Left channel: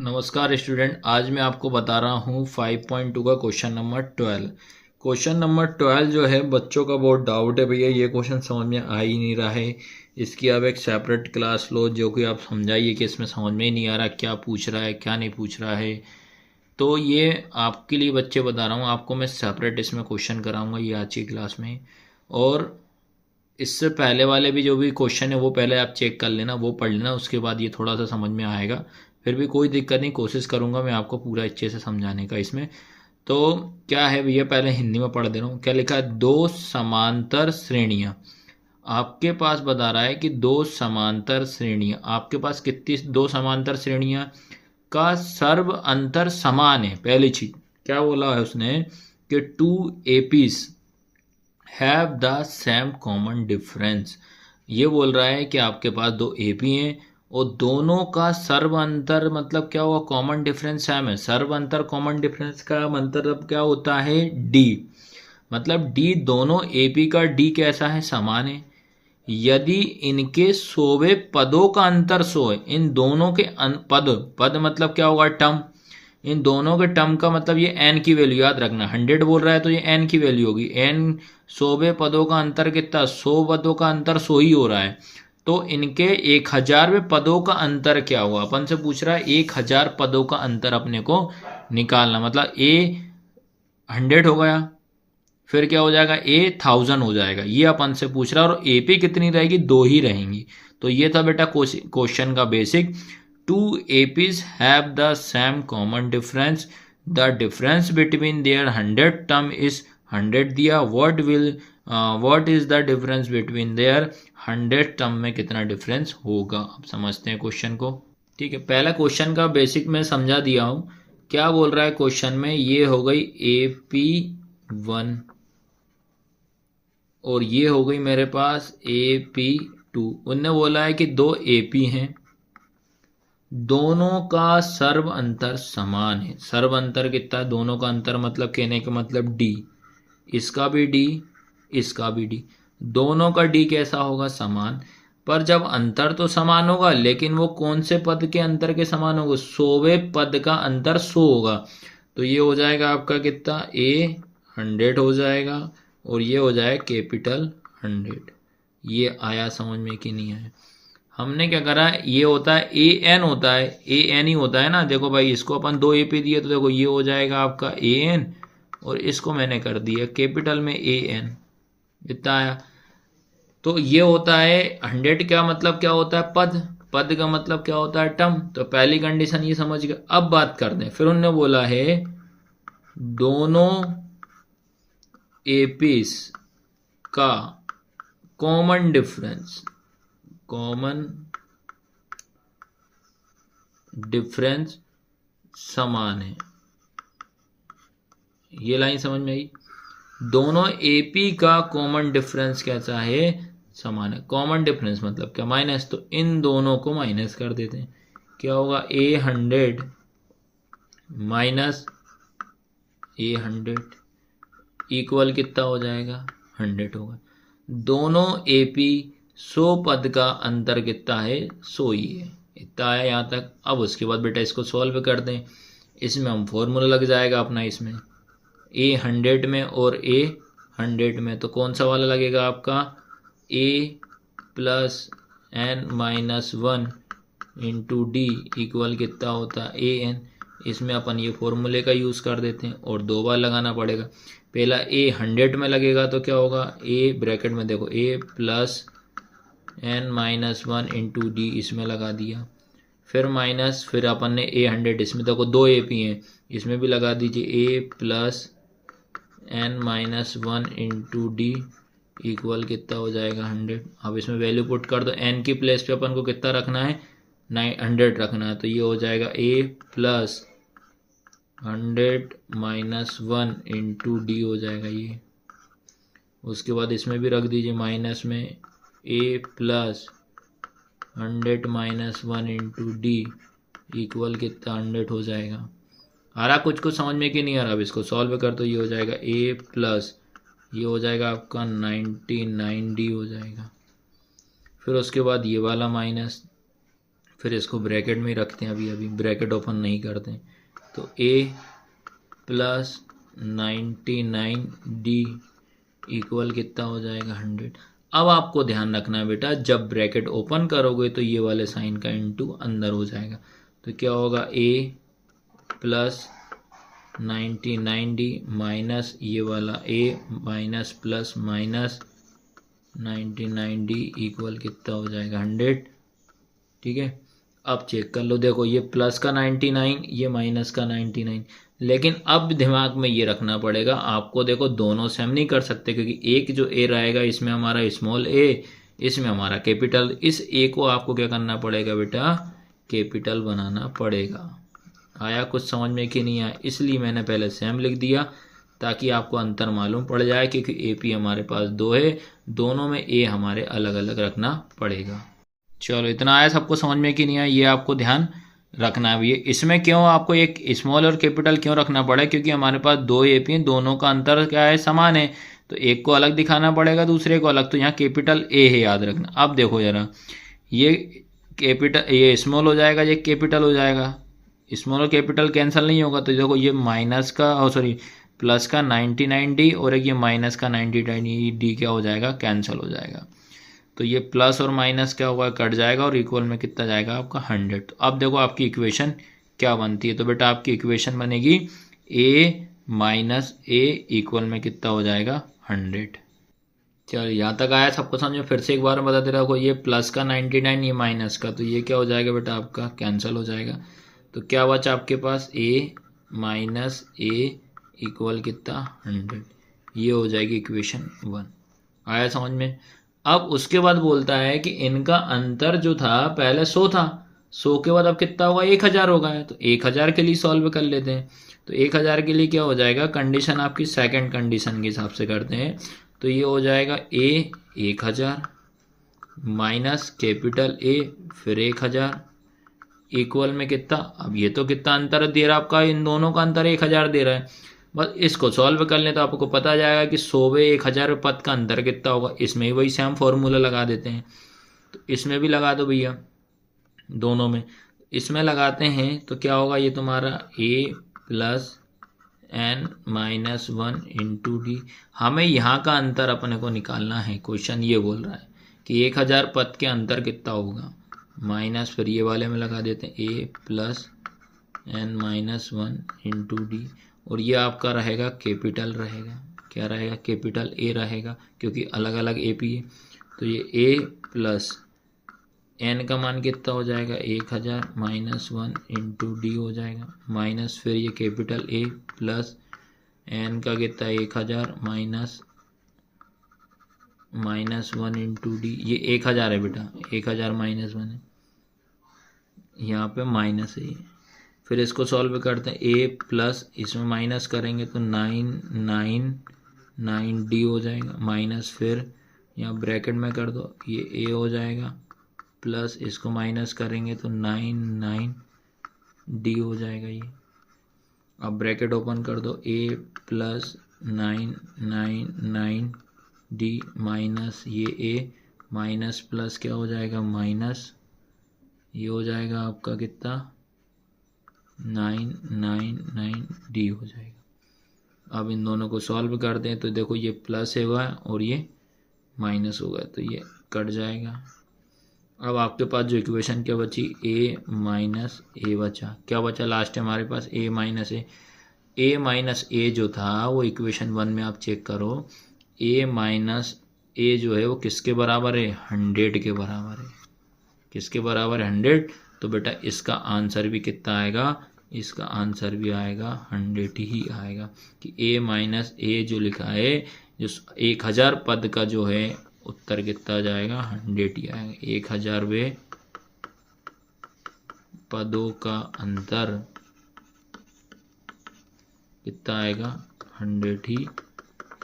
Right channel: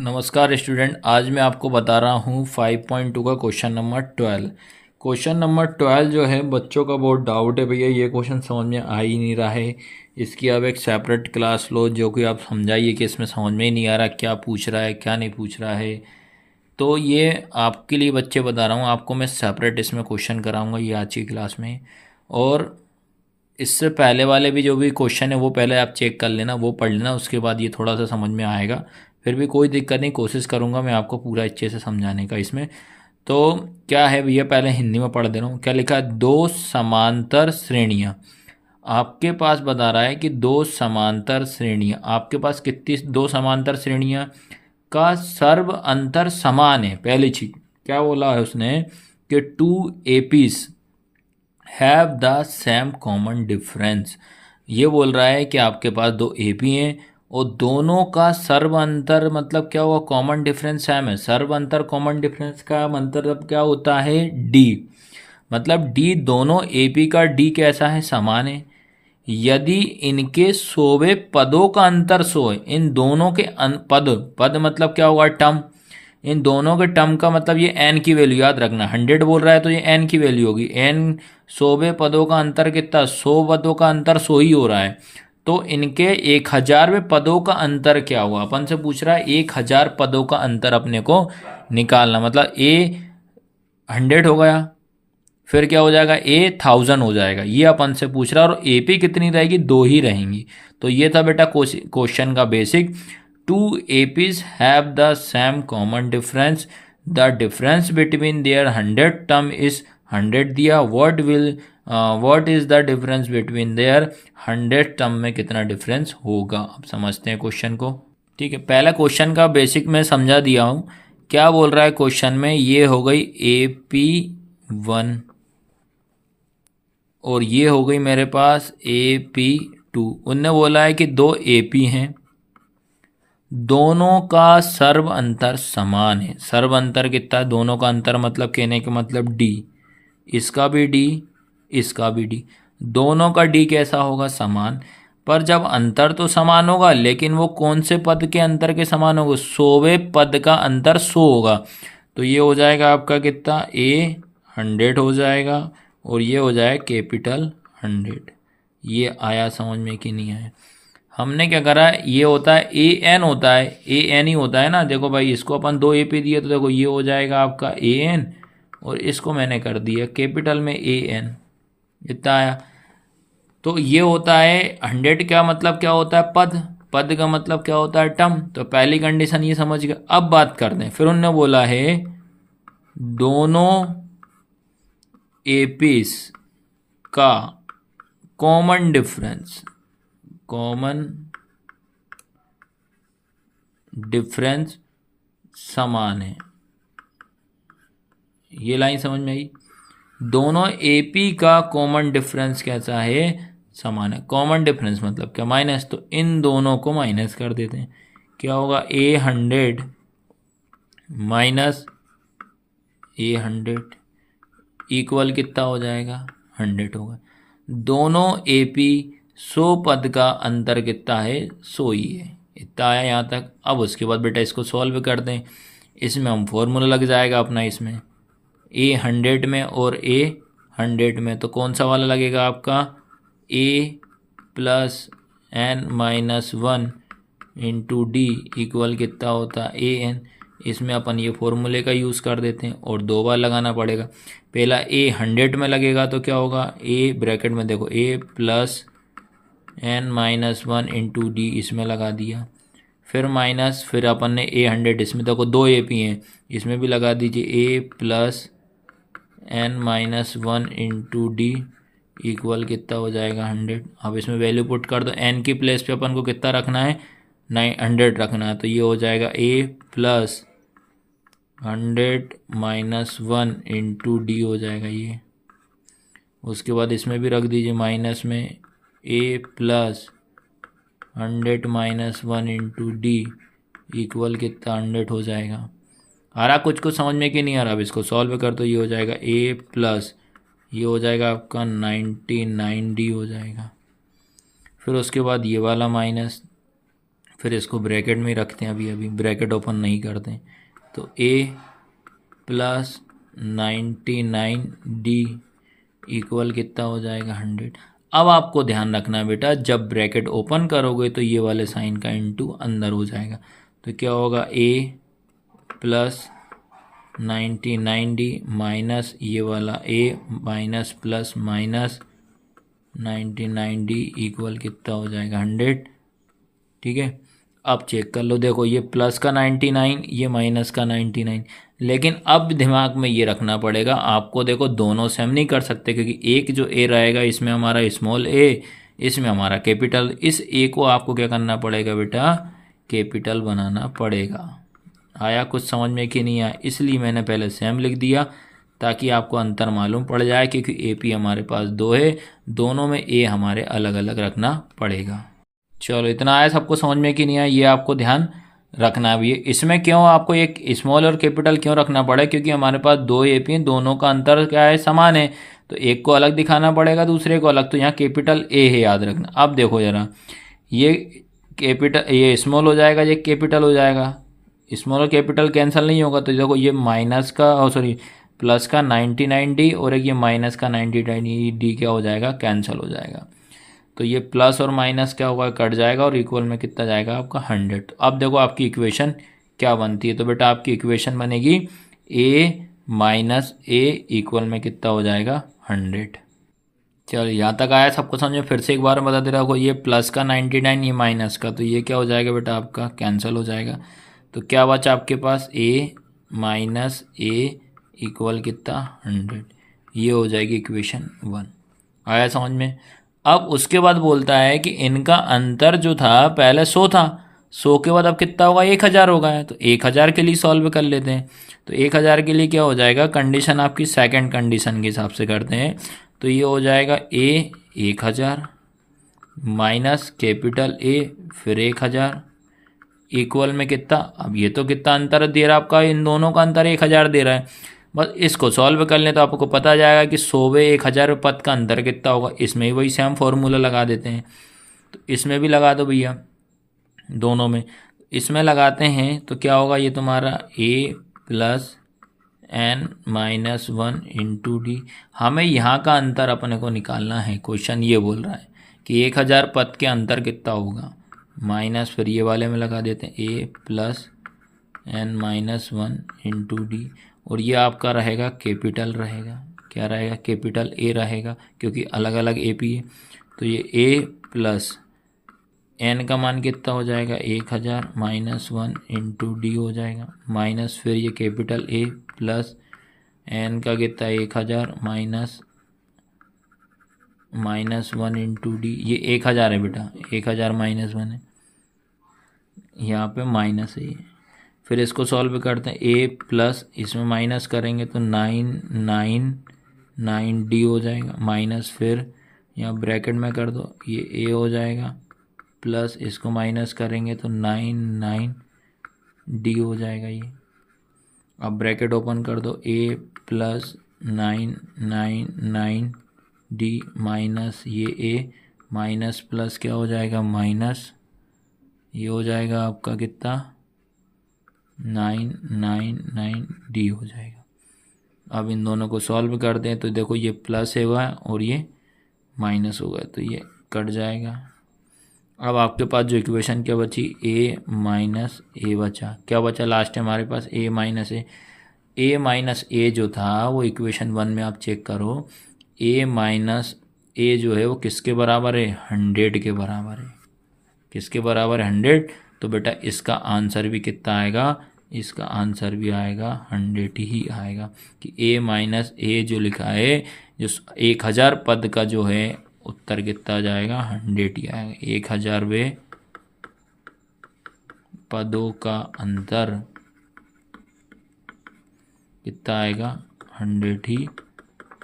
नमस्कार स्टूडेंट, आज मैं आपको बता रहा हूँ 5.2 का क्वेश्चन नंबर 12। क्वेश्चन नंबर 12 जो है बच्चों का बहुत डाउट है भैया, ये क्वेश्चन समझ में आ ही नहीं रहा है। इसकी आप एक सेपरेट क्लास लो जो कि आप समझाइए कि इसमें समझ में ही नहीं आ रहा क्या पूछ रहा है क्या नहीं पूछ रहा है। तो ये आपके लिए बच्चे बता रहा हूँ, आपको मैं सेपरेट इसमें क्वेश्चन कराऊँगा ये आज की क्लास में। और इससे पहले वाले भी जो भी क्वेश्चन है वो पहले आप चेक कर लेना, वो पढ़ लेना, उसके बाद ये थोड़ा सा समझ में आएगा। फिर भी कोई दिक्कत नहीं, कोशिश करूँगा मैं आपको पूरा अच्छे से समझाने का इसमें। तो क्या है भैया, पहले हिंदी में पढ़ दे रहा हूँ। क्या लिखा है? दो समांतर श्रेणियाँ। आपके पास बता रहा है कि दो समांतर श्रेणियाँ, आपके पास कितनी दो समांतर श्रेणियाँ का सर्व अंतर समान है। पहली चीज क्या बोला है उसने कि two APs have the same common difference. ये बोल रहा है कि आपके पास दो एपी हैं और दोनों का सर्व अंतर मतलब क्या हुआ? कॉमन डिफरेंस सेम है। सर्व अंतर कॉमन डिफरेंस का मतलब क्या होता है? डी। मतलब डी, दोनों एपी का डी कैसा है? समान है। यदि इनके 100वें पदों का अंतर 100 है, इन दोनों के पद, पद मतलब क्या होगा? टर्म। इन दोनों के टर्म का मतलब ये एन की वैल्यू याद रखना। 100 बोल रहा है तो ये एन की वैल्यू होगी। एन 100वें पदों का अंतर कितना? 100 पदों का अंतर 100 ही हो रहा है। तो इनके 1000वें पदों का अंतर क्या हुआ? अपन से पूछ रहा है 1000 पदों का अंतर अपने को निकालना। मतलब ए 100 हो गया, फिर क्या हो जाएगा? ए 1000 हो जाएगा। ये अपन से पूछ रहा है। और एपी कितनी रहेगी? दो ही रहेंगी। तो ये था बेटा क्वेश्चन का बेसिक। Two APs have the same common difference, the difference between their 100 term is 100 दिया। What is the difference between their 100 term में कितना डिफरेंस होगा? अब समझते हैं क्वेश्चन को। ठीक है, पहला क्वेश्चन का बेसिक मैं समझा दिया हूँ। क्या बोल रहा है क्वेश्चन में? ये हो गई AP1 और ये हो गई मेरे पास AP2। उनने बोला है कि दो AP हैं, दोनों का सर्व अंतर समान है। सर्व अंतर कितना है? दोनों का अंतर मतलब कहने का मतलब डी। इसका भी डी, इसका भी डी। दोनों का डी कैसा होगा? समान। पर जब अंतर तो समान होगा, लेकिन वो कौन से पद के अंतर के समान होगा? 100वें पद का अंतर 100 होगा। तो ये हो जाएगा आपका कितना? ए 100 हो जाएगा और ये हो जाएगा कैपिटल 100। ये आया समझ में कि नहीं आया? हमने क्या करा है, ये होता है ए एन, होता है ए एन ही होता है ना। देखो भाई, इसको अपन दो ए पे दिए तो देखो ये हो जाएगा आपका ए एन और इसको मैंने कर दिया कैपिटल में ए एन। इतना आया। तो ये होता है 100 का मतलब क्या होता है? पद। पद का मतलब क्या होता है? टर्म। तो पहली कंडीशन ये समझ गए। अब बात करते हैं। फिर उन्होंने बोला है दोनों एपीस का कॉमन डिफरेंस, कॉमन डिफरेंस समान है। ये लाइन समझ में आई? दोनों एपी का कॉमन डिफरेंस कैसा है? समान है। कॉमन डिफरेंस मतलब क्या? माइनस। तो इन दोनों को माइनस कर देते हैं। क्या होगा? ए 100 माइनस ए 100 इक्वल कितना हो जाएगा? 100 होगा। दोनों एपी 100 पद का अंतर कितना है? 100 ही है। इतना आया यहाँ तक। अब उसके बाद बेटा इसको सॉल्व कर दें। इसमें हम फॉर्मूला लग जाएगा अपना। इसमें ए 100 में और ए 100 में तो कौन सा वाला लगेगा आपका? A plus N minus 1 into D equal कितना होता है? A N. इसमें अपन ये फॉर्मूले का यूज़ कर देते हैं और दो बार लगाना पड़ेगा। पहला ए 100 में लगेगा तो क्या होगा? ए ब्रैकेट में देखो A plus N minus 1 into D इसमें लगा दिया। फिर माइनस, फिर अपन ने ए 100, इसमें देखो दो ए पी हैं, इसमें भी लगा दीजिए A plus N minus 1 into D equal कितना हो जाएगा? 100। अब इसमें वैल्यू पुट कर दो। एन की प्लेस पे अपन को कितना रखना है? 900 रखना है। तो ये हो जाएगा ए प्लस 100 माइनस 1 इंटू डी हो जाएगा ये। उसके बाद इसमें भी रख दीजिए माइनस में A plus 100 minus 1 into D equal कितना? 100 हो जाएगा। आ रहा कुछ कुछ समझ में कि नहीं आ रहा? अब इसको सॉल्व कर तो ये हो जाएगा ए प्लस, ये हो जाएगा आपका 99 डी हो जाएगा। फिर उसके बाद ये वाला माइनस, फिर इसको ब्रैकेट में ही रखते हैं, अभी ब्रैकेट ओपन नहीं करते। तो a प्लस 99d इक्वल कितना हो जाएगा 100। अब आपको ध्यान रखना है बेटा, जब ब्रैकेट ओपन करोगे तो ये वाले साइन का इंटू अंदर हो जाएगा। तो क्या होगा a प्लस 99d माइनस ये वाला a minus plus minus 99d equal कितना हो जाएगा 100। ठीक है, अब चेक कर लो, देखो ये प्लस का 99, ये माइनस का 99। लेकिन अब दिमाग में ये रखना पड़ेगा आपको, देखो दोनों सेम नहीं कर सकते, क्योंकि एक जो a रहेगा इसमें हमारा स्मॉल a, इसमें हमारा कैपिटल। इस a को आपको क्या करना पड़ेगा बेटा, कैपिटल बनाना पड़ेगा। आया कुछ समझ में कि नहीं आया? इसलिए मैंने पहले सेम लिख दिया ताकि आपको अंतर मालूम पड़ जाए, क्योंकि AP हमारे पास 2 है, दोनों में a हमारे अलग अलग रखना पड़ेगा। चलो इतना आया सबको समझ में कि नहीं आया, ये आपको ध्यान रखना है। ये इसमें क्यों आपको एक स्मॉल और कैपिटल क्यों रखना पड़ा, क्योंकि हमारे पास 2 AP हैं, दोनों का अंतर क्या है, समान है, तो एक को अलग दिखाना पड़ेगा, दूसरे को अलग। तो यहाँ कैपिटल A है, याद रखना। अब देखो जरा, ये कैपिटल, ये स्मॉल हो जाएगा, ये कैपिटल हो जाएगा, स्मॉल और कैपिटल कैंसिल नहीं होगा। तो देखो ये माइनस का सॉरी प्लस का 99d और एक ये माइनस का 99d क्या हो जाएगा, कैंसिल हो जाएगा। तो ये प्लस और माइनस क्या होगा, कट जाएगा, और इक्वल में कितना जाएगा आपका 100। तो अब देखो आपकी इक्वेशन क्या बनती है। तो बेटा आपकी इक्वेशन बनेगी a माइनस a इक्वल में कितना हो जाएगा 100। चलो यहाँ तक आया सबको समझ में? फिर से एक बार बता दे रहा हूँ, ये प्लस का 99, ये माइनस का, तो ये क्या हो जाएगा बेटा आपका कैंसिल हो जाएगा। तो क्या बचा आपके पास, a माइनस a इक्वल कितना 100। ये हो जाएगी इक्वेशन 1। आया समझ में? अब उसके बाद बोलता है कि इनका अंतर जो था पहले 100 था, 100 के बाद अब कितना होगा, 1000 होगा। है तो 1000 के लिए सॉल्व कर लेते हैं। तो 1000 के लिए क्या हो जाएगा, कंडीशन आपकी सेकंड कंडीशन के हिसाब से करते हैं। तो ये हो जाएगा a 1000 माइनस कैपिटल A फिर 1000 इक्वल में कितना, अब ये तो कितना अंतर दे रहा है आपका, इन दोनों का अंतर 1000 दे रहा है। बस इसको सॉल्व कर लें तो आपको पता जाएगा कि 100/1000 पद का अंतर कितना होगा। इसमें भी वही सेम फॉर्मूला लगा देते हैं, तो इसमें भी लगा दो भैया, दोनों में इसमें लगाते हैं तो क्या होगा, ये तुम्हारा a plus n minus 1 into D. हमें यहाँ का अंतर अपने को निकालना है। क्वेश्चन ये बोल रहा है कि 1000 पद के अंतर कितना होगा, माइनस फिर ये वाले में लगा देते हैं a plus n minus 1 into D, और ये आपका रहेगा कैपिटल रहेगा, क्या रहेगा, कैपिटल A रहेगा, क्योंकि अलग अलग AP है। तो ये a प्लस n का मान कितना हो जाएगा 1000 माइनस 1 इंटू डी हो जाएगा, माइनस फिर ये कैपिटल A प्लस n का कितना 1000 माइनस 1 इंटू डी। ये 1000 है बेटा, 1000 माइनस 1 है, यहाँ पे माइनस है। फिर इसको सॉल्व करते हैं, a प्लस इसमें माइनस करेंगे तो 999d हो जाएगा, माइनस फिर यहाँ ब्रैकेट में कर दो, ये a हो जाएगा, प्लस इसको माइनस करेंगे तो 99d हो जाएगा ये। अब ब्रैकेट ओपन कर दो, a प्लस 999d माइनस ये a माइनस प्लस क्या हो जाएगा, माइनस ये हो जाएगा आपका कितना 999d हो जाएगा। अब इन दोनों को सॉल्व कर दें तो देखो ये प्लस है वह और ये माइनस होगा, तो ये कट जाएगा। अब आपके पास जो इक्वेशन क्या बची, a माइनस a बचा, क्या बचा लास्ट में हमारे पास, a माइनस a जो था वो इक्वेशन 1 में आप चेक करो, a माइनस a जो है वो किसके बराबर है, 100 के बराबर है। किसके बराबर है, 100। तो बेटा इसका आंसर भी कितना आएगा, इसका आंसर भी आएगा 100 ही आएगा, कि a माइनस a जो लिखा है, जो 1000 पद का जो है उत्तर कितना जाएगा, 100 ही आएगा। 1000वें पदों का अंतर कितना आएगा, 100 ही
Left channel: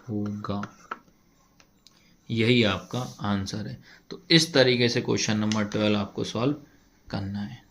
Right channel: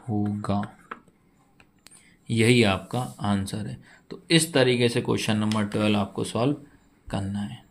होगा। यही आपका आंसर है। तो इस तरीके से क्वेश्चन नंबर 12 आपको सॉल्व करना है।